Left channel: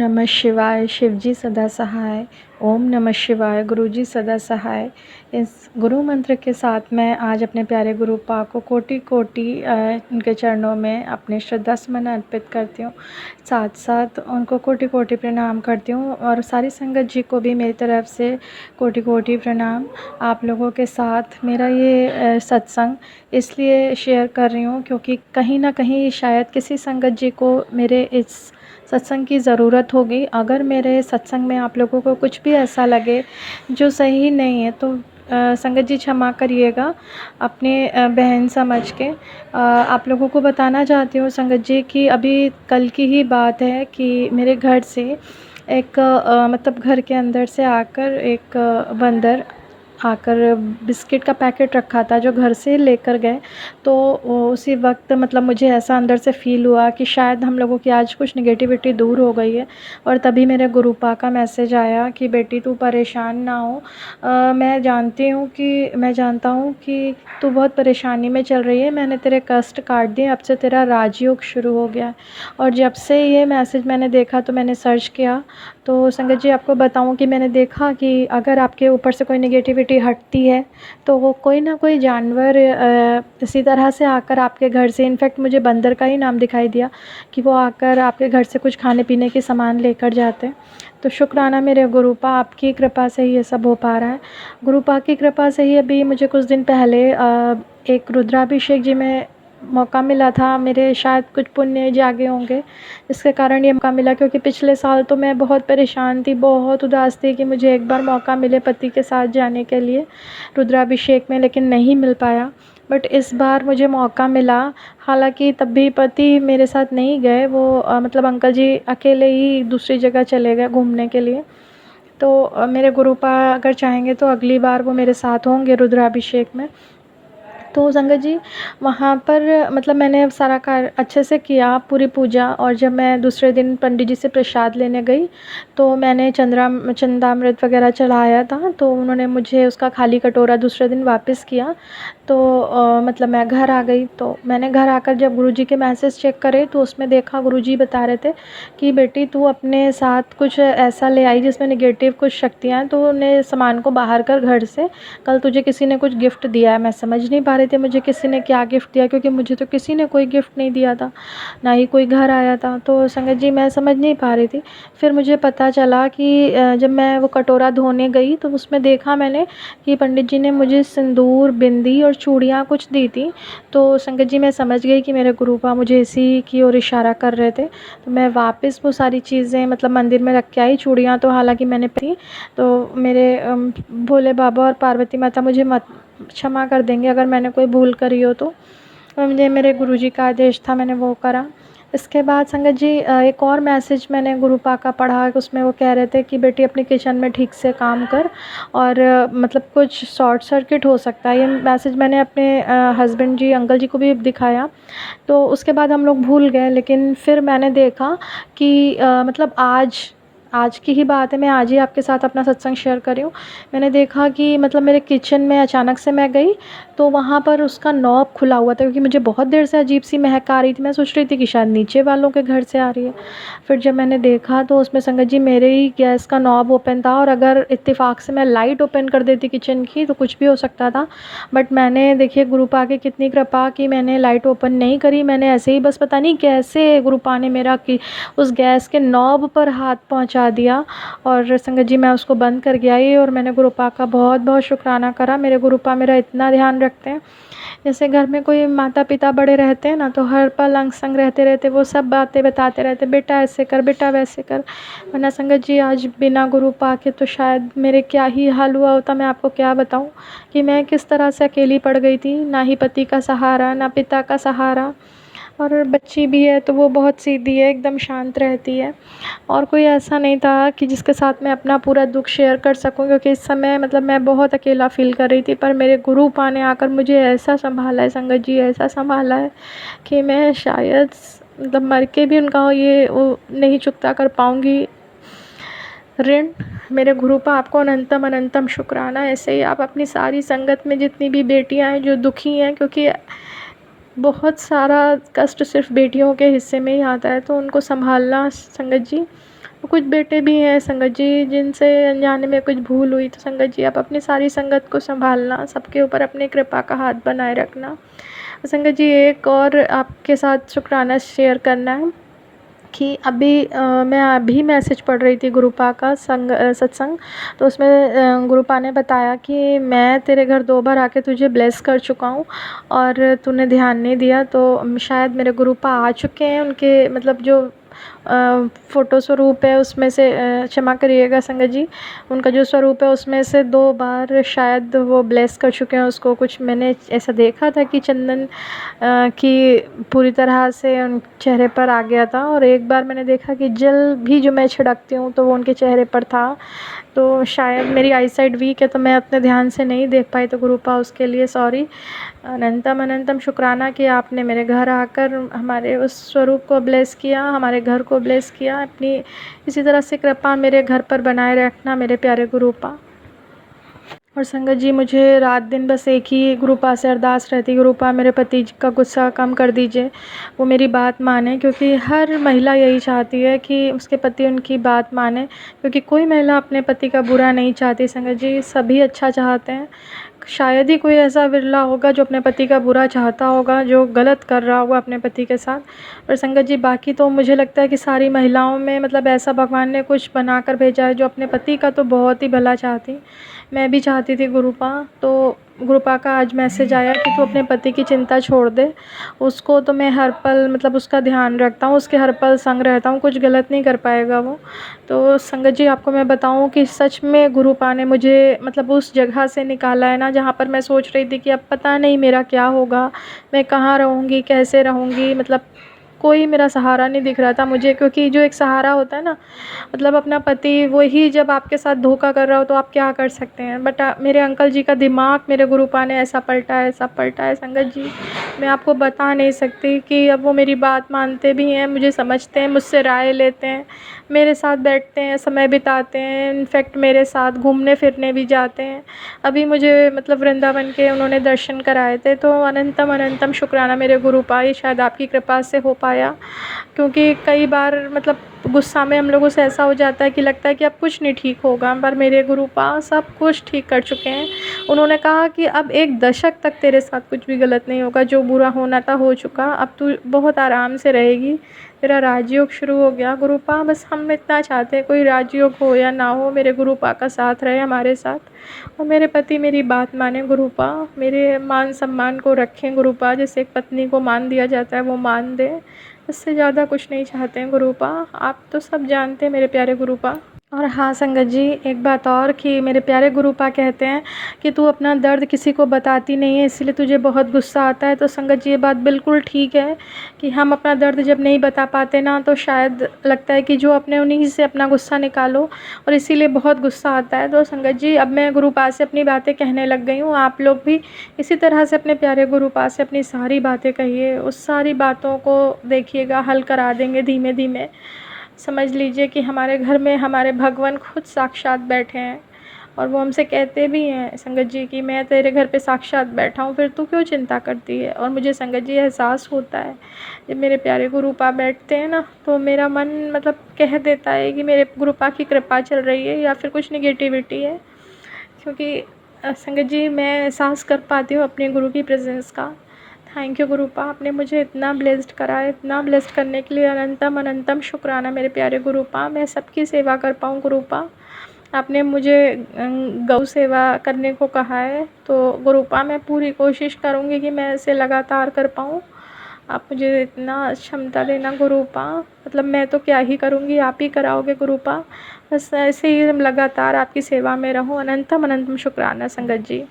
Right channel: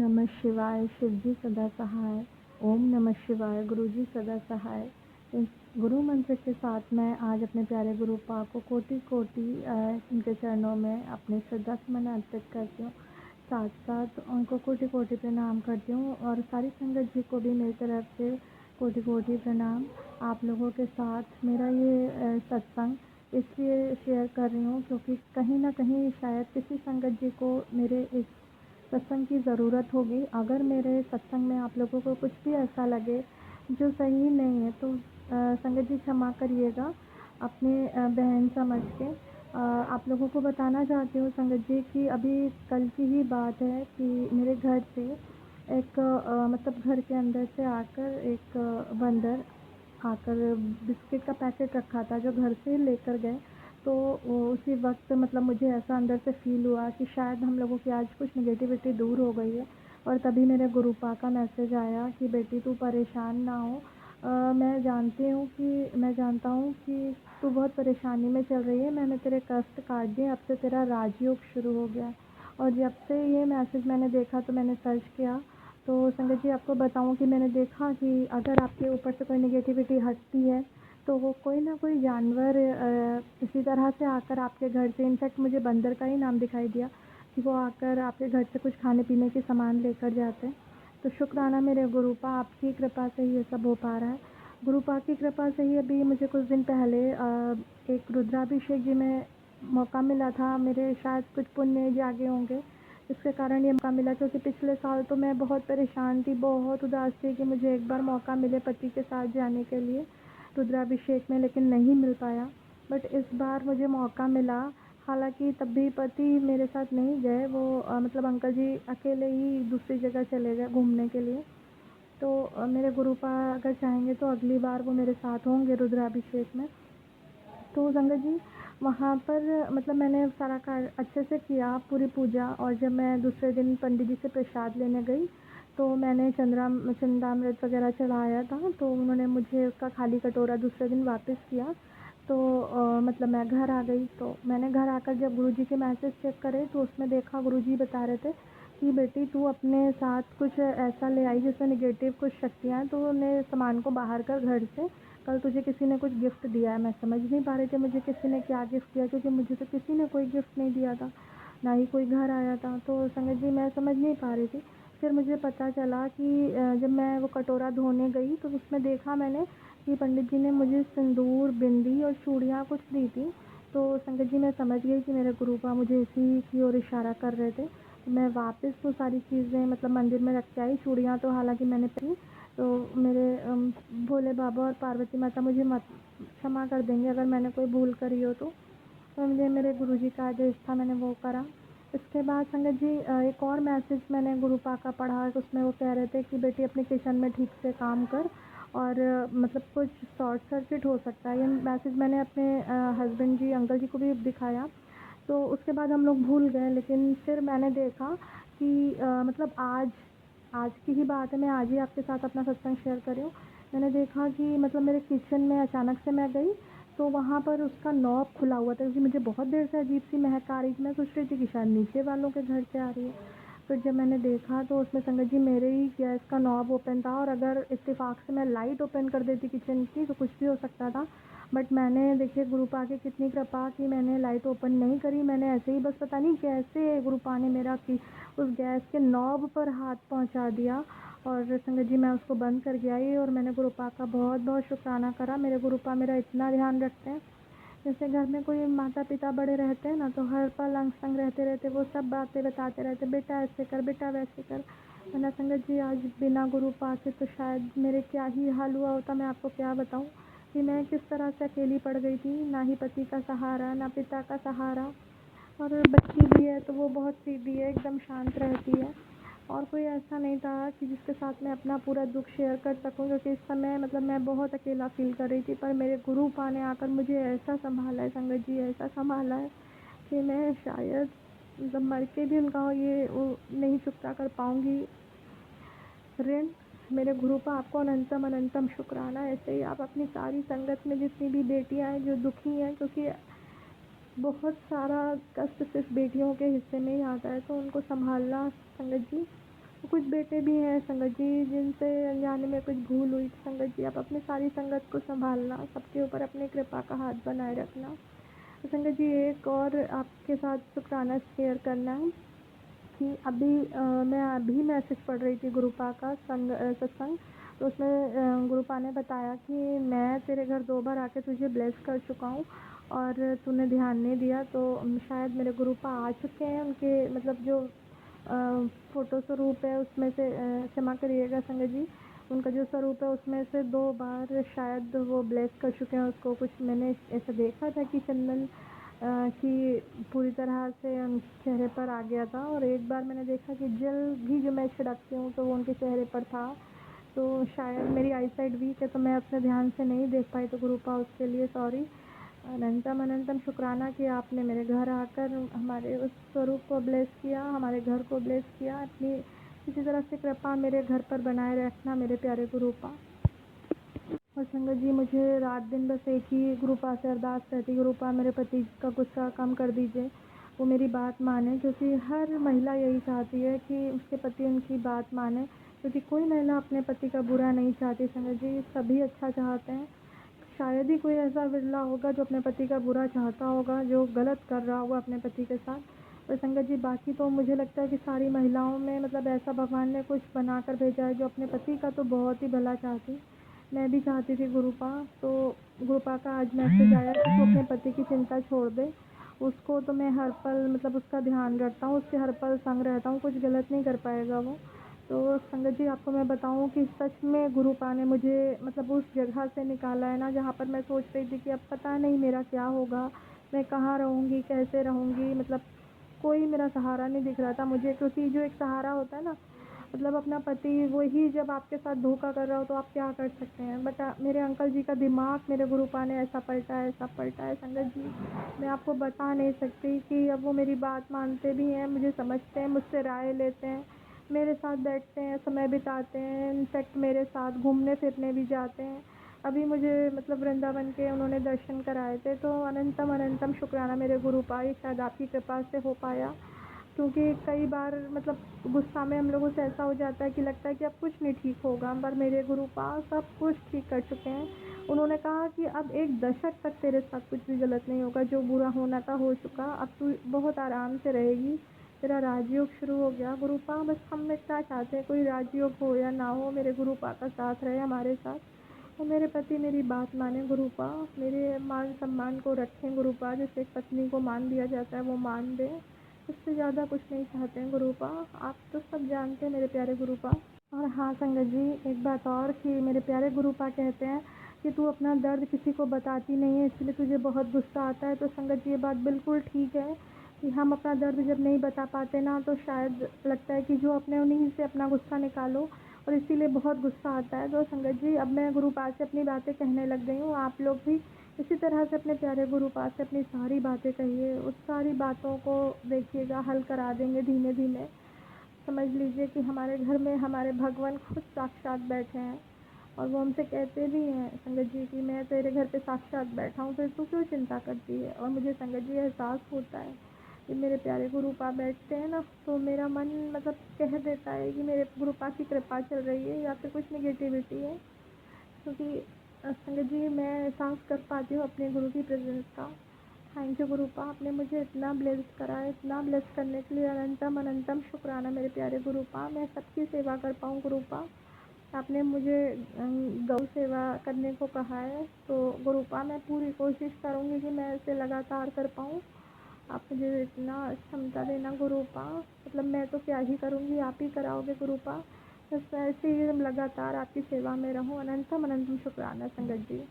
नमः शिवाय। शिवजी सदा सहाय। ओम नमः शिवाय। गुरुजी सदा सहाय। इस गुरु मंत्र के साथ मैं आज अपने प्यारे गुरु पा को कोटि कोटि उनके चरणों में अपने श्रद्धा सुमन अर्पित करती हूँ। साथ साथ उनको कोटि कोटि प्रणाम करती हूँ और सारी संगत जी को भी मेरी तरफ से कोटि कोटि प्रणाम। आप लोगों के साथ मेरा ये सत्संग इसलिए शेयर कर रही हूँ क्योंकि कहीं ना कहीं शायद किसी संगत जी को मेरे इस सत्संग की ज़रूरत होगी। अगर मेरे सत्संग में आप लोगों को कुछ भी ऐसा लगे जो सही नहीं है तो संगत जी क्षमा करिएगा अपने बहन समझ के। आप लोगों को बताना चाहती हूँ संगत जी कि अभी कल की ही बात है कि मेरे घर से एक मतलब घर के अंदर से आकर एक बंदर आकर बिस्किट का पैकेट रखा था जो घर से लेकर गए। तो उसी वक्त मतलब मुझे ऐसा अंदर से फ़ील हुआ कि शायद हम लोगों की आज कुछ नेगेटिविटी दूर हो गई है। और तभी मेरे गुरुपा का मैसेज आया कि बेटी तू परेशान ना हो। मैं जानता हूँ कि तू बहुत परेशानी में चल रही है। मैंने तेरे कष्ट काट दिए। अब से तेरा राजयोग शुरू हो गया है। और जब से ये मैसेज मैंने देखा तो मैंने सर्च किया। तो संगत जी आपको बताऊं कि मैंने देखा कि अगर आपके ऊपर से कोई नेगेटिविटी हटती है तो वो कोई ना कोई जानवर इसी तरह से आकर आपके घर से, इनफैक्ट मुझे बंदर का ही नाम दिखाई दिया कि वो आकर आपके घर से कुछ खाने पीने के सामान लेकर जाते हैं। तो शुक्राना मेरे गुरुपा, आपकी कृपा से ही ये सब हो पा रहा है। गुरुपा की कृपा से ही अभी मुझे कुछ दिन पहले एक रुद्राभिषेक जी में मौका मिला था। मेरे शायद कुछ पुण्य जागे होंगे इसके कारण ये मौका मिला, क्योंकि पिछले साल तो मैं बहुत परेशान थी, बहुत उदास थी कि मुझे एक बार मौका मिले पति के साथ जाने के लिए रुद्राभिषेक में, लेकिन नहीं मिल पाया। बट इस बार मुझे मौका मिला। हालांकि तब भी पति मेरे साथ नहीं गए, वो मतलब अंकल जी अकेले ही दूसरी जगह चले गए घूमने के लिए। तो मेरे गुरुपा अगर चाहेंगे तो अगली बार वो मेरे साथ होंगे रुद्राभिषेक में। तो संगत जी वहाँ पर मतलब मैंने सारा कार्य अच्छे से किया, पूरी पूजा। और जब मैं दूसरे दिन पंडित जी से प्रसाद लेने गई तो मैंने चंद्रामृत वगैरह चढ़ाया था। तो उन्होंने मुझे उसका खाली कटोरा दूसरे दिन वापस किया। तो मतलब मैं घर आ गई। तो मैंने घर आकर जब गुरुजी के मैसेज चेक करे तो उसमें देखा गुरुजी बता रहे थे कि बेटी तू अपने साथ कुछ ऐसा ले आई जिसमें नेगेटिव कुछ शक्तियाँ हैं, तो उन्हें सामान को बाहर कर घर से। कल तुझे किसी ने कुछ गिफ्ट दिया है। मैं समझ नहीं पा रही थी मुझे किसी ने क्या गिफ्ट दिया, क्योंकि मुझे तो किसी ने कोई गिफ्ट नहीं दिया था, ना ही कोई घर आया था। तो संगत जी मैं समझ नहीं पा रही थी। फिर मुझे पता चला कि जब मैं वो कटोरा धोने गई तो उसमें देखा मैंने कि पंडित जी ने मुझे सिंदूर, बिंदी और चूड़ियाँ कुछ दी थी। तो संगत जी मैं समझ गई कि मेरे गुरुपा मुझे इसी की ओर इशारा कर रहे थे। तो मैं वापस वो सारी चीज़ें मतलब मंदिर में रख के आई। चूड़ियाँ तो हालांकि मैंने पहनी। तो मेरे भोले बाबा और पार्वती माता मुझे मत क्षमा कर देंगे अगर मैंने कोई भूल करी हो तो। मुझे मेरे गुरुजी का आदेश था, मैंने वो करा। इसके बाद संगत जी एक और मैसेज मैंने गुरुपा का पढ़ा। उसमें वो कह रहे थे कि बेटी अपनी किचन में ठीक से काम कर और मतलब कुछ शॉर्ट सर्किट हो सकता है। ये मैसेज मैंने अपने हस्बैंड जी, अंकल जी को भी दिखाया। तो उसके बाद हम लोग भूल गए। लेकिन फिर मैंने देखा कि मतलब आज की ही बात है, मैं आज ही आपके साथ अपना सत्संग शेयर कर रही हूँ। मैंने देखा कि मतलब मेरे किचन में अचानक से मैं गई तो वहाँ पर उसका नॉब खुला हुआ था, क्योंकि मुझे बहुत देर से अजीब सी महक आ रही थी। मैं सोच रही थी कि शायद नीचे वालों के घर से आ रही है। फिर जब मैंने देखा तो उसमें संगत जी मेरे ही गैस का नॉब ओपन था, और अगर इत्तेफाक से मैं लाइट ओपन कर देती किचन की तो कुछ भी हो सकता था। बट मैंने देखिए गुरुपा की कितनी कृपा कि मैंने लाइट ओपन नहीं करी। मैंने ऐसे ही बस पता नहीं कैसे गुरुपा ने मेरा कि उस गैस के नॉब पर हाथ पहुंचा दिया और संगत जी मैं उसको बंद करके आई। और मैंने गुरुपा का बहुत बहुत शुक्राना करा। मेरे गुरुपा मेरा इतना ध्यान रखते हैं। जैसे घर में कोई माता पिता बड़े रहते हैं ना, तो हर पल अंग संग रहते रहते वो सब बातें बताते रहते, बेटा ऐसे कर, बेटा वैसे कर। वरना संगत जी आज बिना गुरुपा के तो शायद मेरे क्या ही हाल हुआ होता। मैं आपको क्या बताऊं कि मैं किस तरह से अकेली पड़ गई थी। ना ही पति का सहारा, ना पिता का सहारा। और बच्ची भी है तो वो बहुत सीधी है, एकदम शांत रहती है। और कोई ऐसा नहीं था कि जिसके साथ मैं अपना पूरा दुख शेयर कर सकूं, क्योंकि इस समय मतलब मैं बहुत अकेला फ़ील कर रही थी। पर मेरे गुरुपा ने आकर मुझे ऐसा संभाला है संगत जी, ऐसा संभाला है कि मैं शायद मतलब मर के भी उनका ये वो नहीं चुकता कर पाऊँगी ऋण। मेरे गुरुपा आपको अनंतम अनंतम शुक्राना। ऐसे ही आप अपनी सारी संगत में जितनी भी बेटियां हैं जो दुखी हैं, क्योंकि बहुत सारा कष्ट सिर्फ बेटियों के हिस्से में ही आता है, तो उनको संभालना संगत जी। कुछ बेटे भी हैं संगत जी जिनसे अनजाने में कुछ भूल हुई, तो संगत जी आप अपनी सारी संगत को संभालना, सबके ऊपर अपनी कृपा का हाथ बनाए रखना। संगत जी एक और आपके साथ शुक्राना शेयर करना है कि मैं अभी मैसेज पढ़ रही थी गुरुपा का सत्संग, तो उसमें गुरुपा ने बताया कि मैं तेरे घर 2 बार आके तुझे ब्लेस कर चुका हूँ और तूने ध्यान नहीं दिया। तो शायद मेरे गुरुपा आ चुके हैं, उनके मतलब जो फ़ोटो स्वरूप है उसमें से क्षमा करिएगा संगत जी, उनका जो स्वरूप है उसमें से 2 बार शायद वो ब्लेस कर चुके हैं उसको। कुछ मैंने ऐसा देखा था कि चंदन की पूरी तरह से उन चेहरे पर आ गया था, और एक बार मैंने देखा कि जल भी जो मैं छिड़कती हूँ तो वो उनके चेहरे पर था। तो शायद मेरी आई साइट वीक है तो मैं अपने ध्यान से नहीं देख पाई, तो गुरुपा उसके लिए सॉरी। अनंतम अनंतम शुक्राना कि आपने मेरे घर आकर हमारे उस स्वरूप को ब्लेस किया, हमारे घर को ब्लेस किया। अपनी इसी तरह से कृपा मेरे घर पर बनाए रखना मेरे प्यारे गुरुपा। और संगत जी मुझे रात दिन बस एक ही गुरुपा से अरदास रहती, गुरुपा मेरे पति का गुस्सा कम कर दीजिए, वो मेरी बात माने, क्योंकि हर महिला यही चाहती है कि उसके पति उनकी बात माने, क्योंकि कोई महिला अपने पति का बुरा नहीं चाहती संगत जी, सभी अच्छा चाहते हैं। शायद ही कोई ऐसा विरला होगा जो अपने पति का बुरा चाहता होगा, जो गलत कर रहा होगा अपने पति के साथ। और संगत जी बाकी तो मुझे लगता है कि सारी महिलाओं में मतलब ऐसा भगवान ने कुछ बना कर भेजा है जो अपने पति का तो बहुत ही भला चाहती। मैं भी चाहती थी गुरुपा, तो गुरुपा का आज मैसेज आया कि तू अपने पति की चिंता छोड़ दे, उसको तो मैं हर पल मतलब उसका ध्यान रखता हूँ, उसके हर पल संग रहता हूँ, कुछ गलत नहीं कर पाएगा वो। तो संगत जी आपको मैं बताऊँ कि सच में गुरुपा ने मुझे मतलब उस जगह से निकाला है ना जहाँ पर मैं सोच रही थी कि अब पता नहीं मेरा क्या होगा, मैं कहाँ रहूँगी, कैसे रहूँगी, मतलब कोई मेरा सहारा नहीं दिख रहा था मुझे। क्योंकि जो एक सहारा होता है ना, मतलब अपना पति, वही जब आपके साथ धोखा कर रहा हो तो आप क्या कर सकते हैं। बट मेरे अंकल जी का दिमाग मेरे गुरुपा ने ऐसा पलटा है संगत जी, मैं आपको बता नहीं सकती कि अब वो मेरी बात मानते भी हैं, मुझे समझते हैं, मुझसे राय लेते हैं, मेरे साथ बैठते हैं, समय बिताते हैं, इनफैक्ट मेरे साथ घूमने फिरने भी जाते हैं। अभी मुझे मतलब वृंदावन के उन्होंने दर्शन कराए थे, तो अनंतम अनंतम शुक्राना मेरे गुरुपा, ये शायद आपकी कृपा से हो पाया। क्योंकि कई बार मतलब गुस्सा में हम लोगों से ऐसा हो जाता है कि लगता है कि अब कुछ नहीं ठीक होगा, पर मेरे गुरुपा सब कुछ ठीक कर चुके हैं। उन्होंने कहा कि अब 1 दशक तक तेरे साथ कुछ भी गलत नहीं होगा, जो बुरा होना था हो चुका, अब तू बहुत आराम से रहेगी, तेरा राजयोग शुरू हो गया। गुरुपा बस हम इतना चाहते हैं, कोई राजयोग हो या ना हो, मेरे गुरुपा का साथ रहे हमारे साथ, और मेरे पति मेरी बात माने गुरुपा, मेरे मान सम्मान को रखें गुरुपा, जैसे एक पत्नी को मान दिया जाता है वो मान दें। इससे ज़्यादा कुछ नहीं चाहते हैं गुरुपा, आप तो सब जानते हैं मेरे प्यारे गुरुपा। और हाँ संगत जी एक बात और कि मेरे प्यारे गुरुपा कहते हैं कि तू अपना दर्द किसी को बताती नहीं है, इसलिए तुझे बहुत गुस्सा आता है। तो संगत जी ये बात बिल्कुल ठीक है कि हम अपना दर्द जब नहीं बता पाते ना, तो शायद लगता है कि जो अपने उन्हीं से अपना गुस्सा निकालो, और इसीलिए बहुत गुस्सा आता है। तो संगत जी अब मैं गुरुपा से अपनी बातें कहने लग गई हूँ, आप लोग भी इसी तरह से अपने प्यारे गुरुपा से अपनी सारी बातें कहिए, उस सारी बातों को देखिएगा हल करा देंगे धीमे धीमे। समझ लीजिए कि हमारे घर में हमारे भगवान खुद साक्षात बैठे हैं, और वो हमसे कहते भी हैं संगत जी कि मैं तेरे घर पे साक्षात बैठा हूँ, फिर तू क्यों चिंता करती है। और मुझे संगत जी एहसास होता है जब मेरे प्यारे गुरुपा बैठते हैं ना, तो मेरा मन मतलब कह देता है कि मेरे गुरुपा की कृपा चल रही है या फिर कुछ निगेटिविटी है। क्योंकि संगत जी मैं एहसास कर पाती हूँ अपने गुरु की प्रेजेंस का। थैंक यू गुरुपा, आपने मुझे इतना ब्लेस्ड करा है, इतना ब्लेस्ड करने के लिए अनंतम अनंतम शुक्राना मेरे प्यारे गुरुपा। मैं सबकी सेवा कर पाऊँ गुरुपा, आपने मुझे गौ सेवा करने को कहा है, तो गुरुपा मैं पूरी कोशिश करूँगी कि मैं इसे लगातार कर पाऊँ। आप मुझे इतना क्षमता देना गुरुपा, मतलब मैं तो क्या ही करूँगी, आप ही कराओगे गुरुपा। बस ऐसे ही हम लगातार आपकी सेवा में रहूँ। अनंतम अनंतम शुक्राना संगत जी।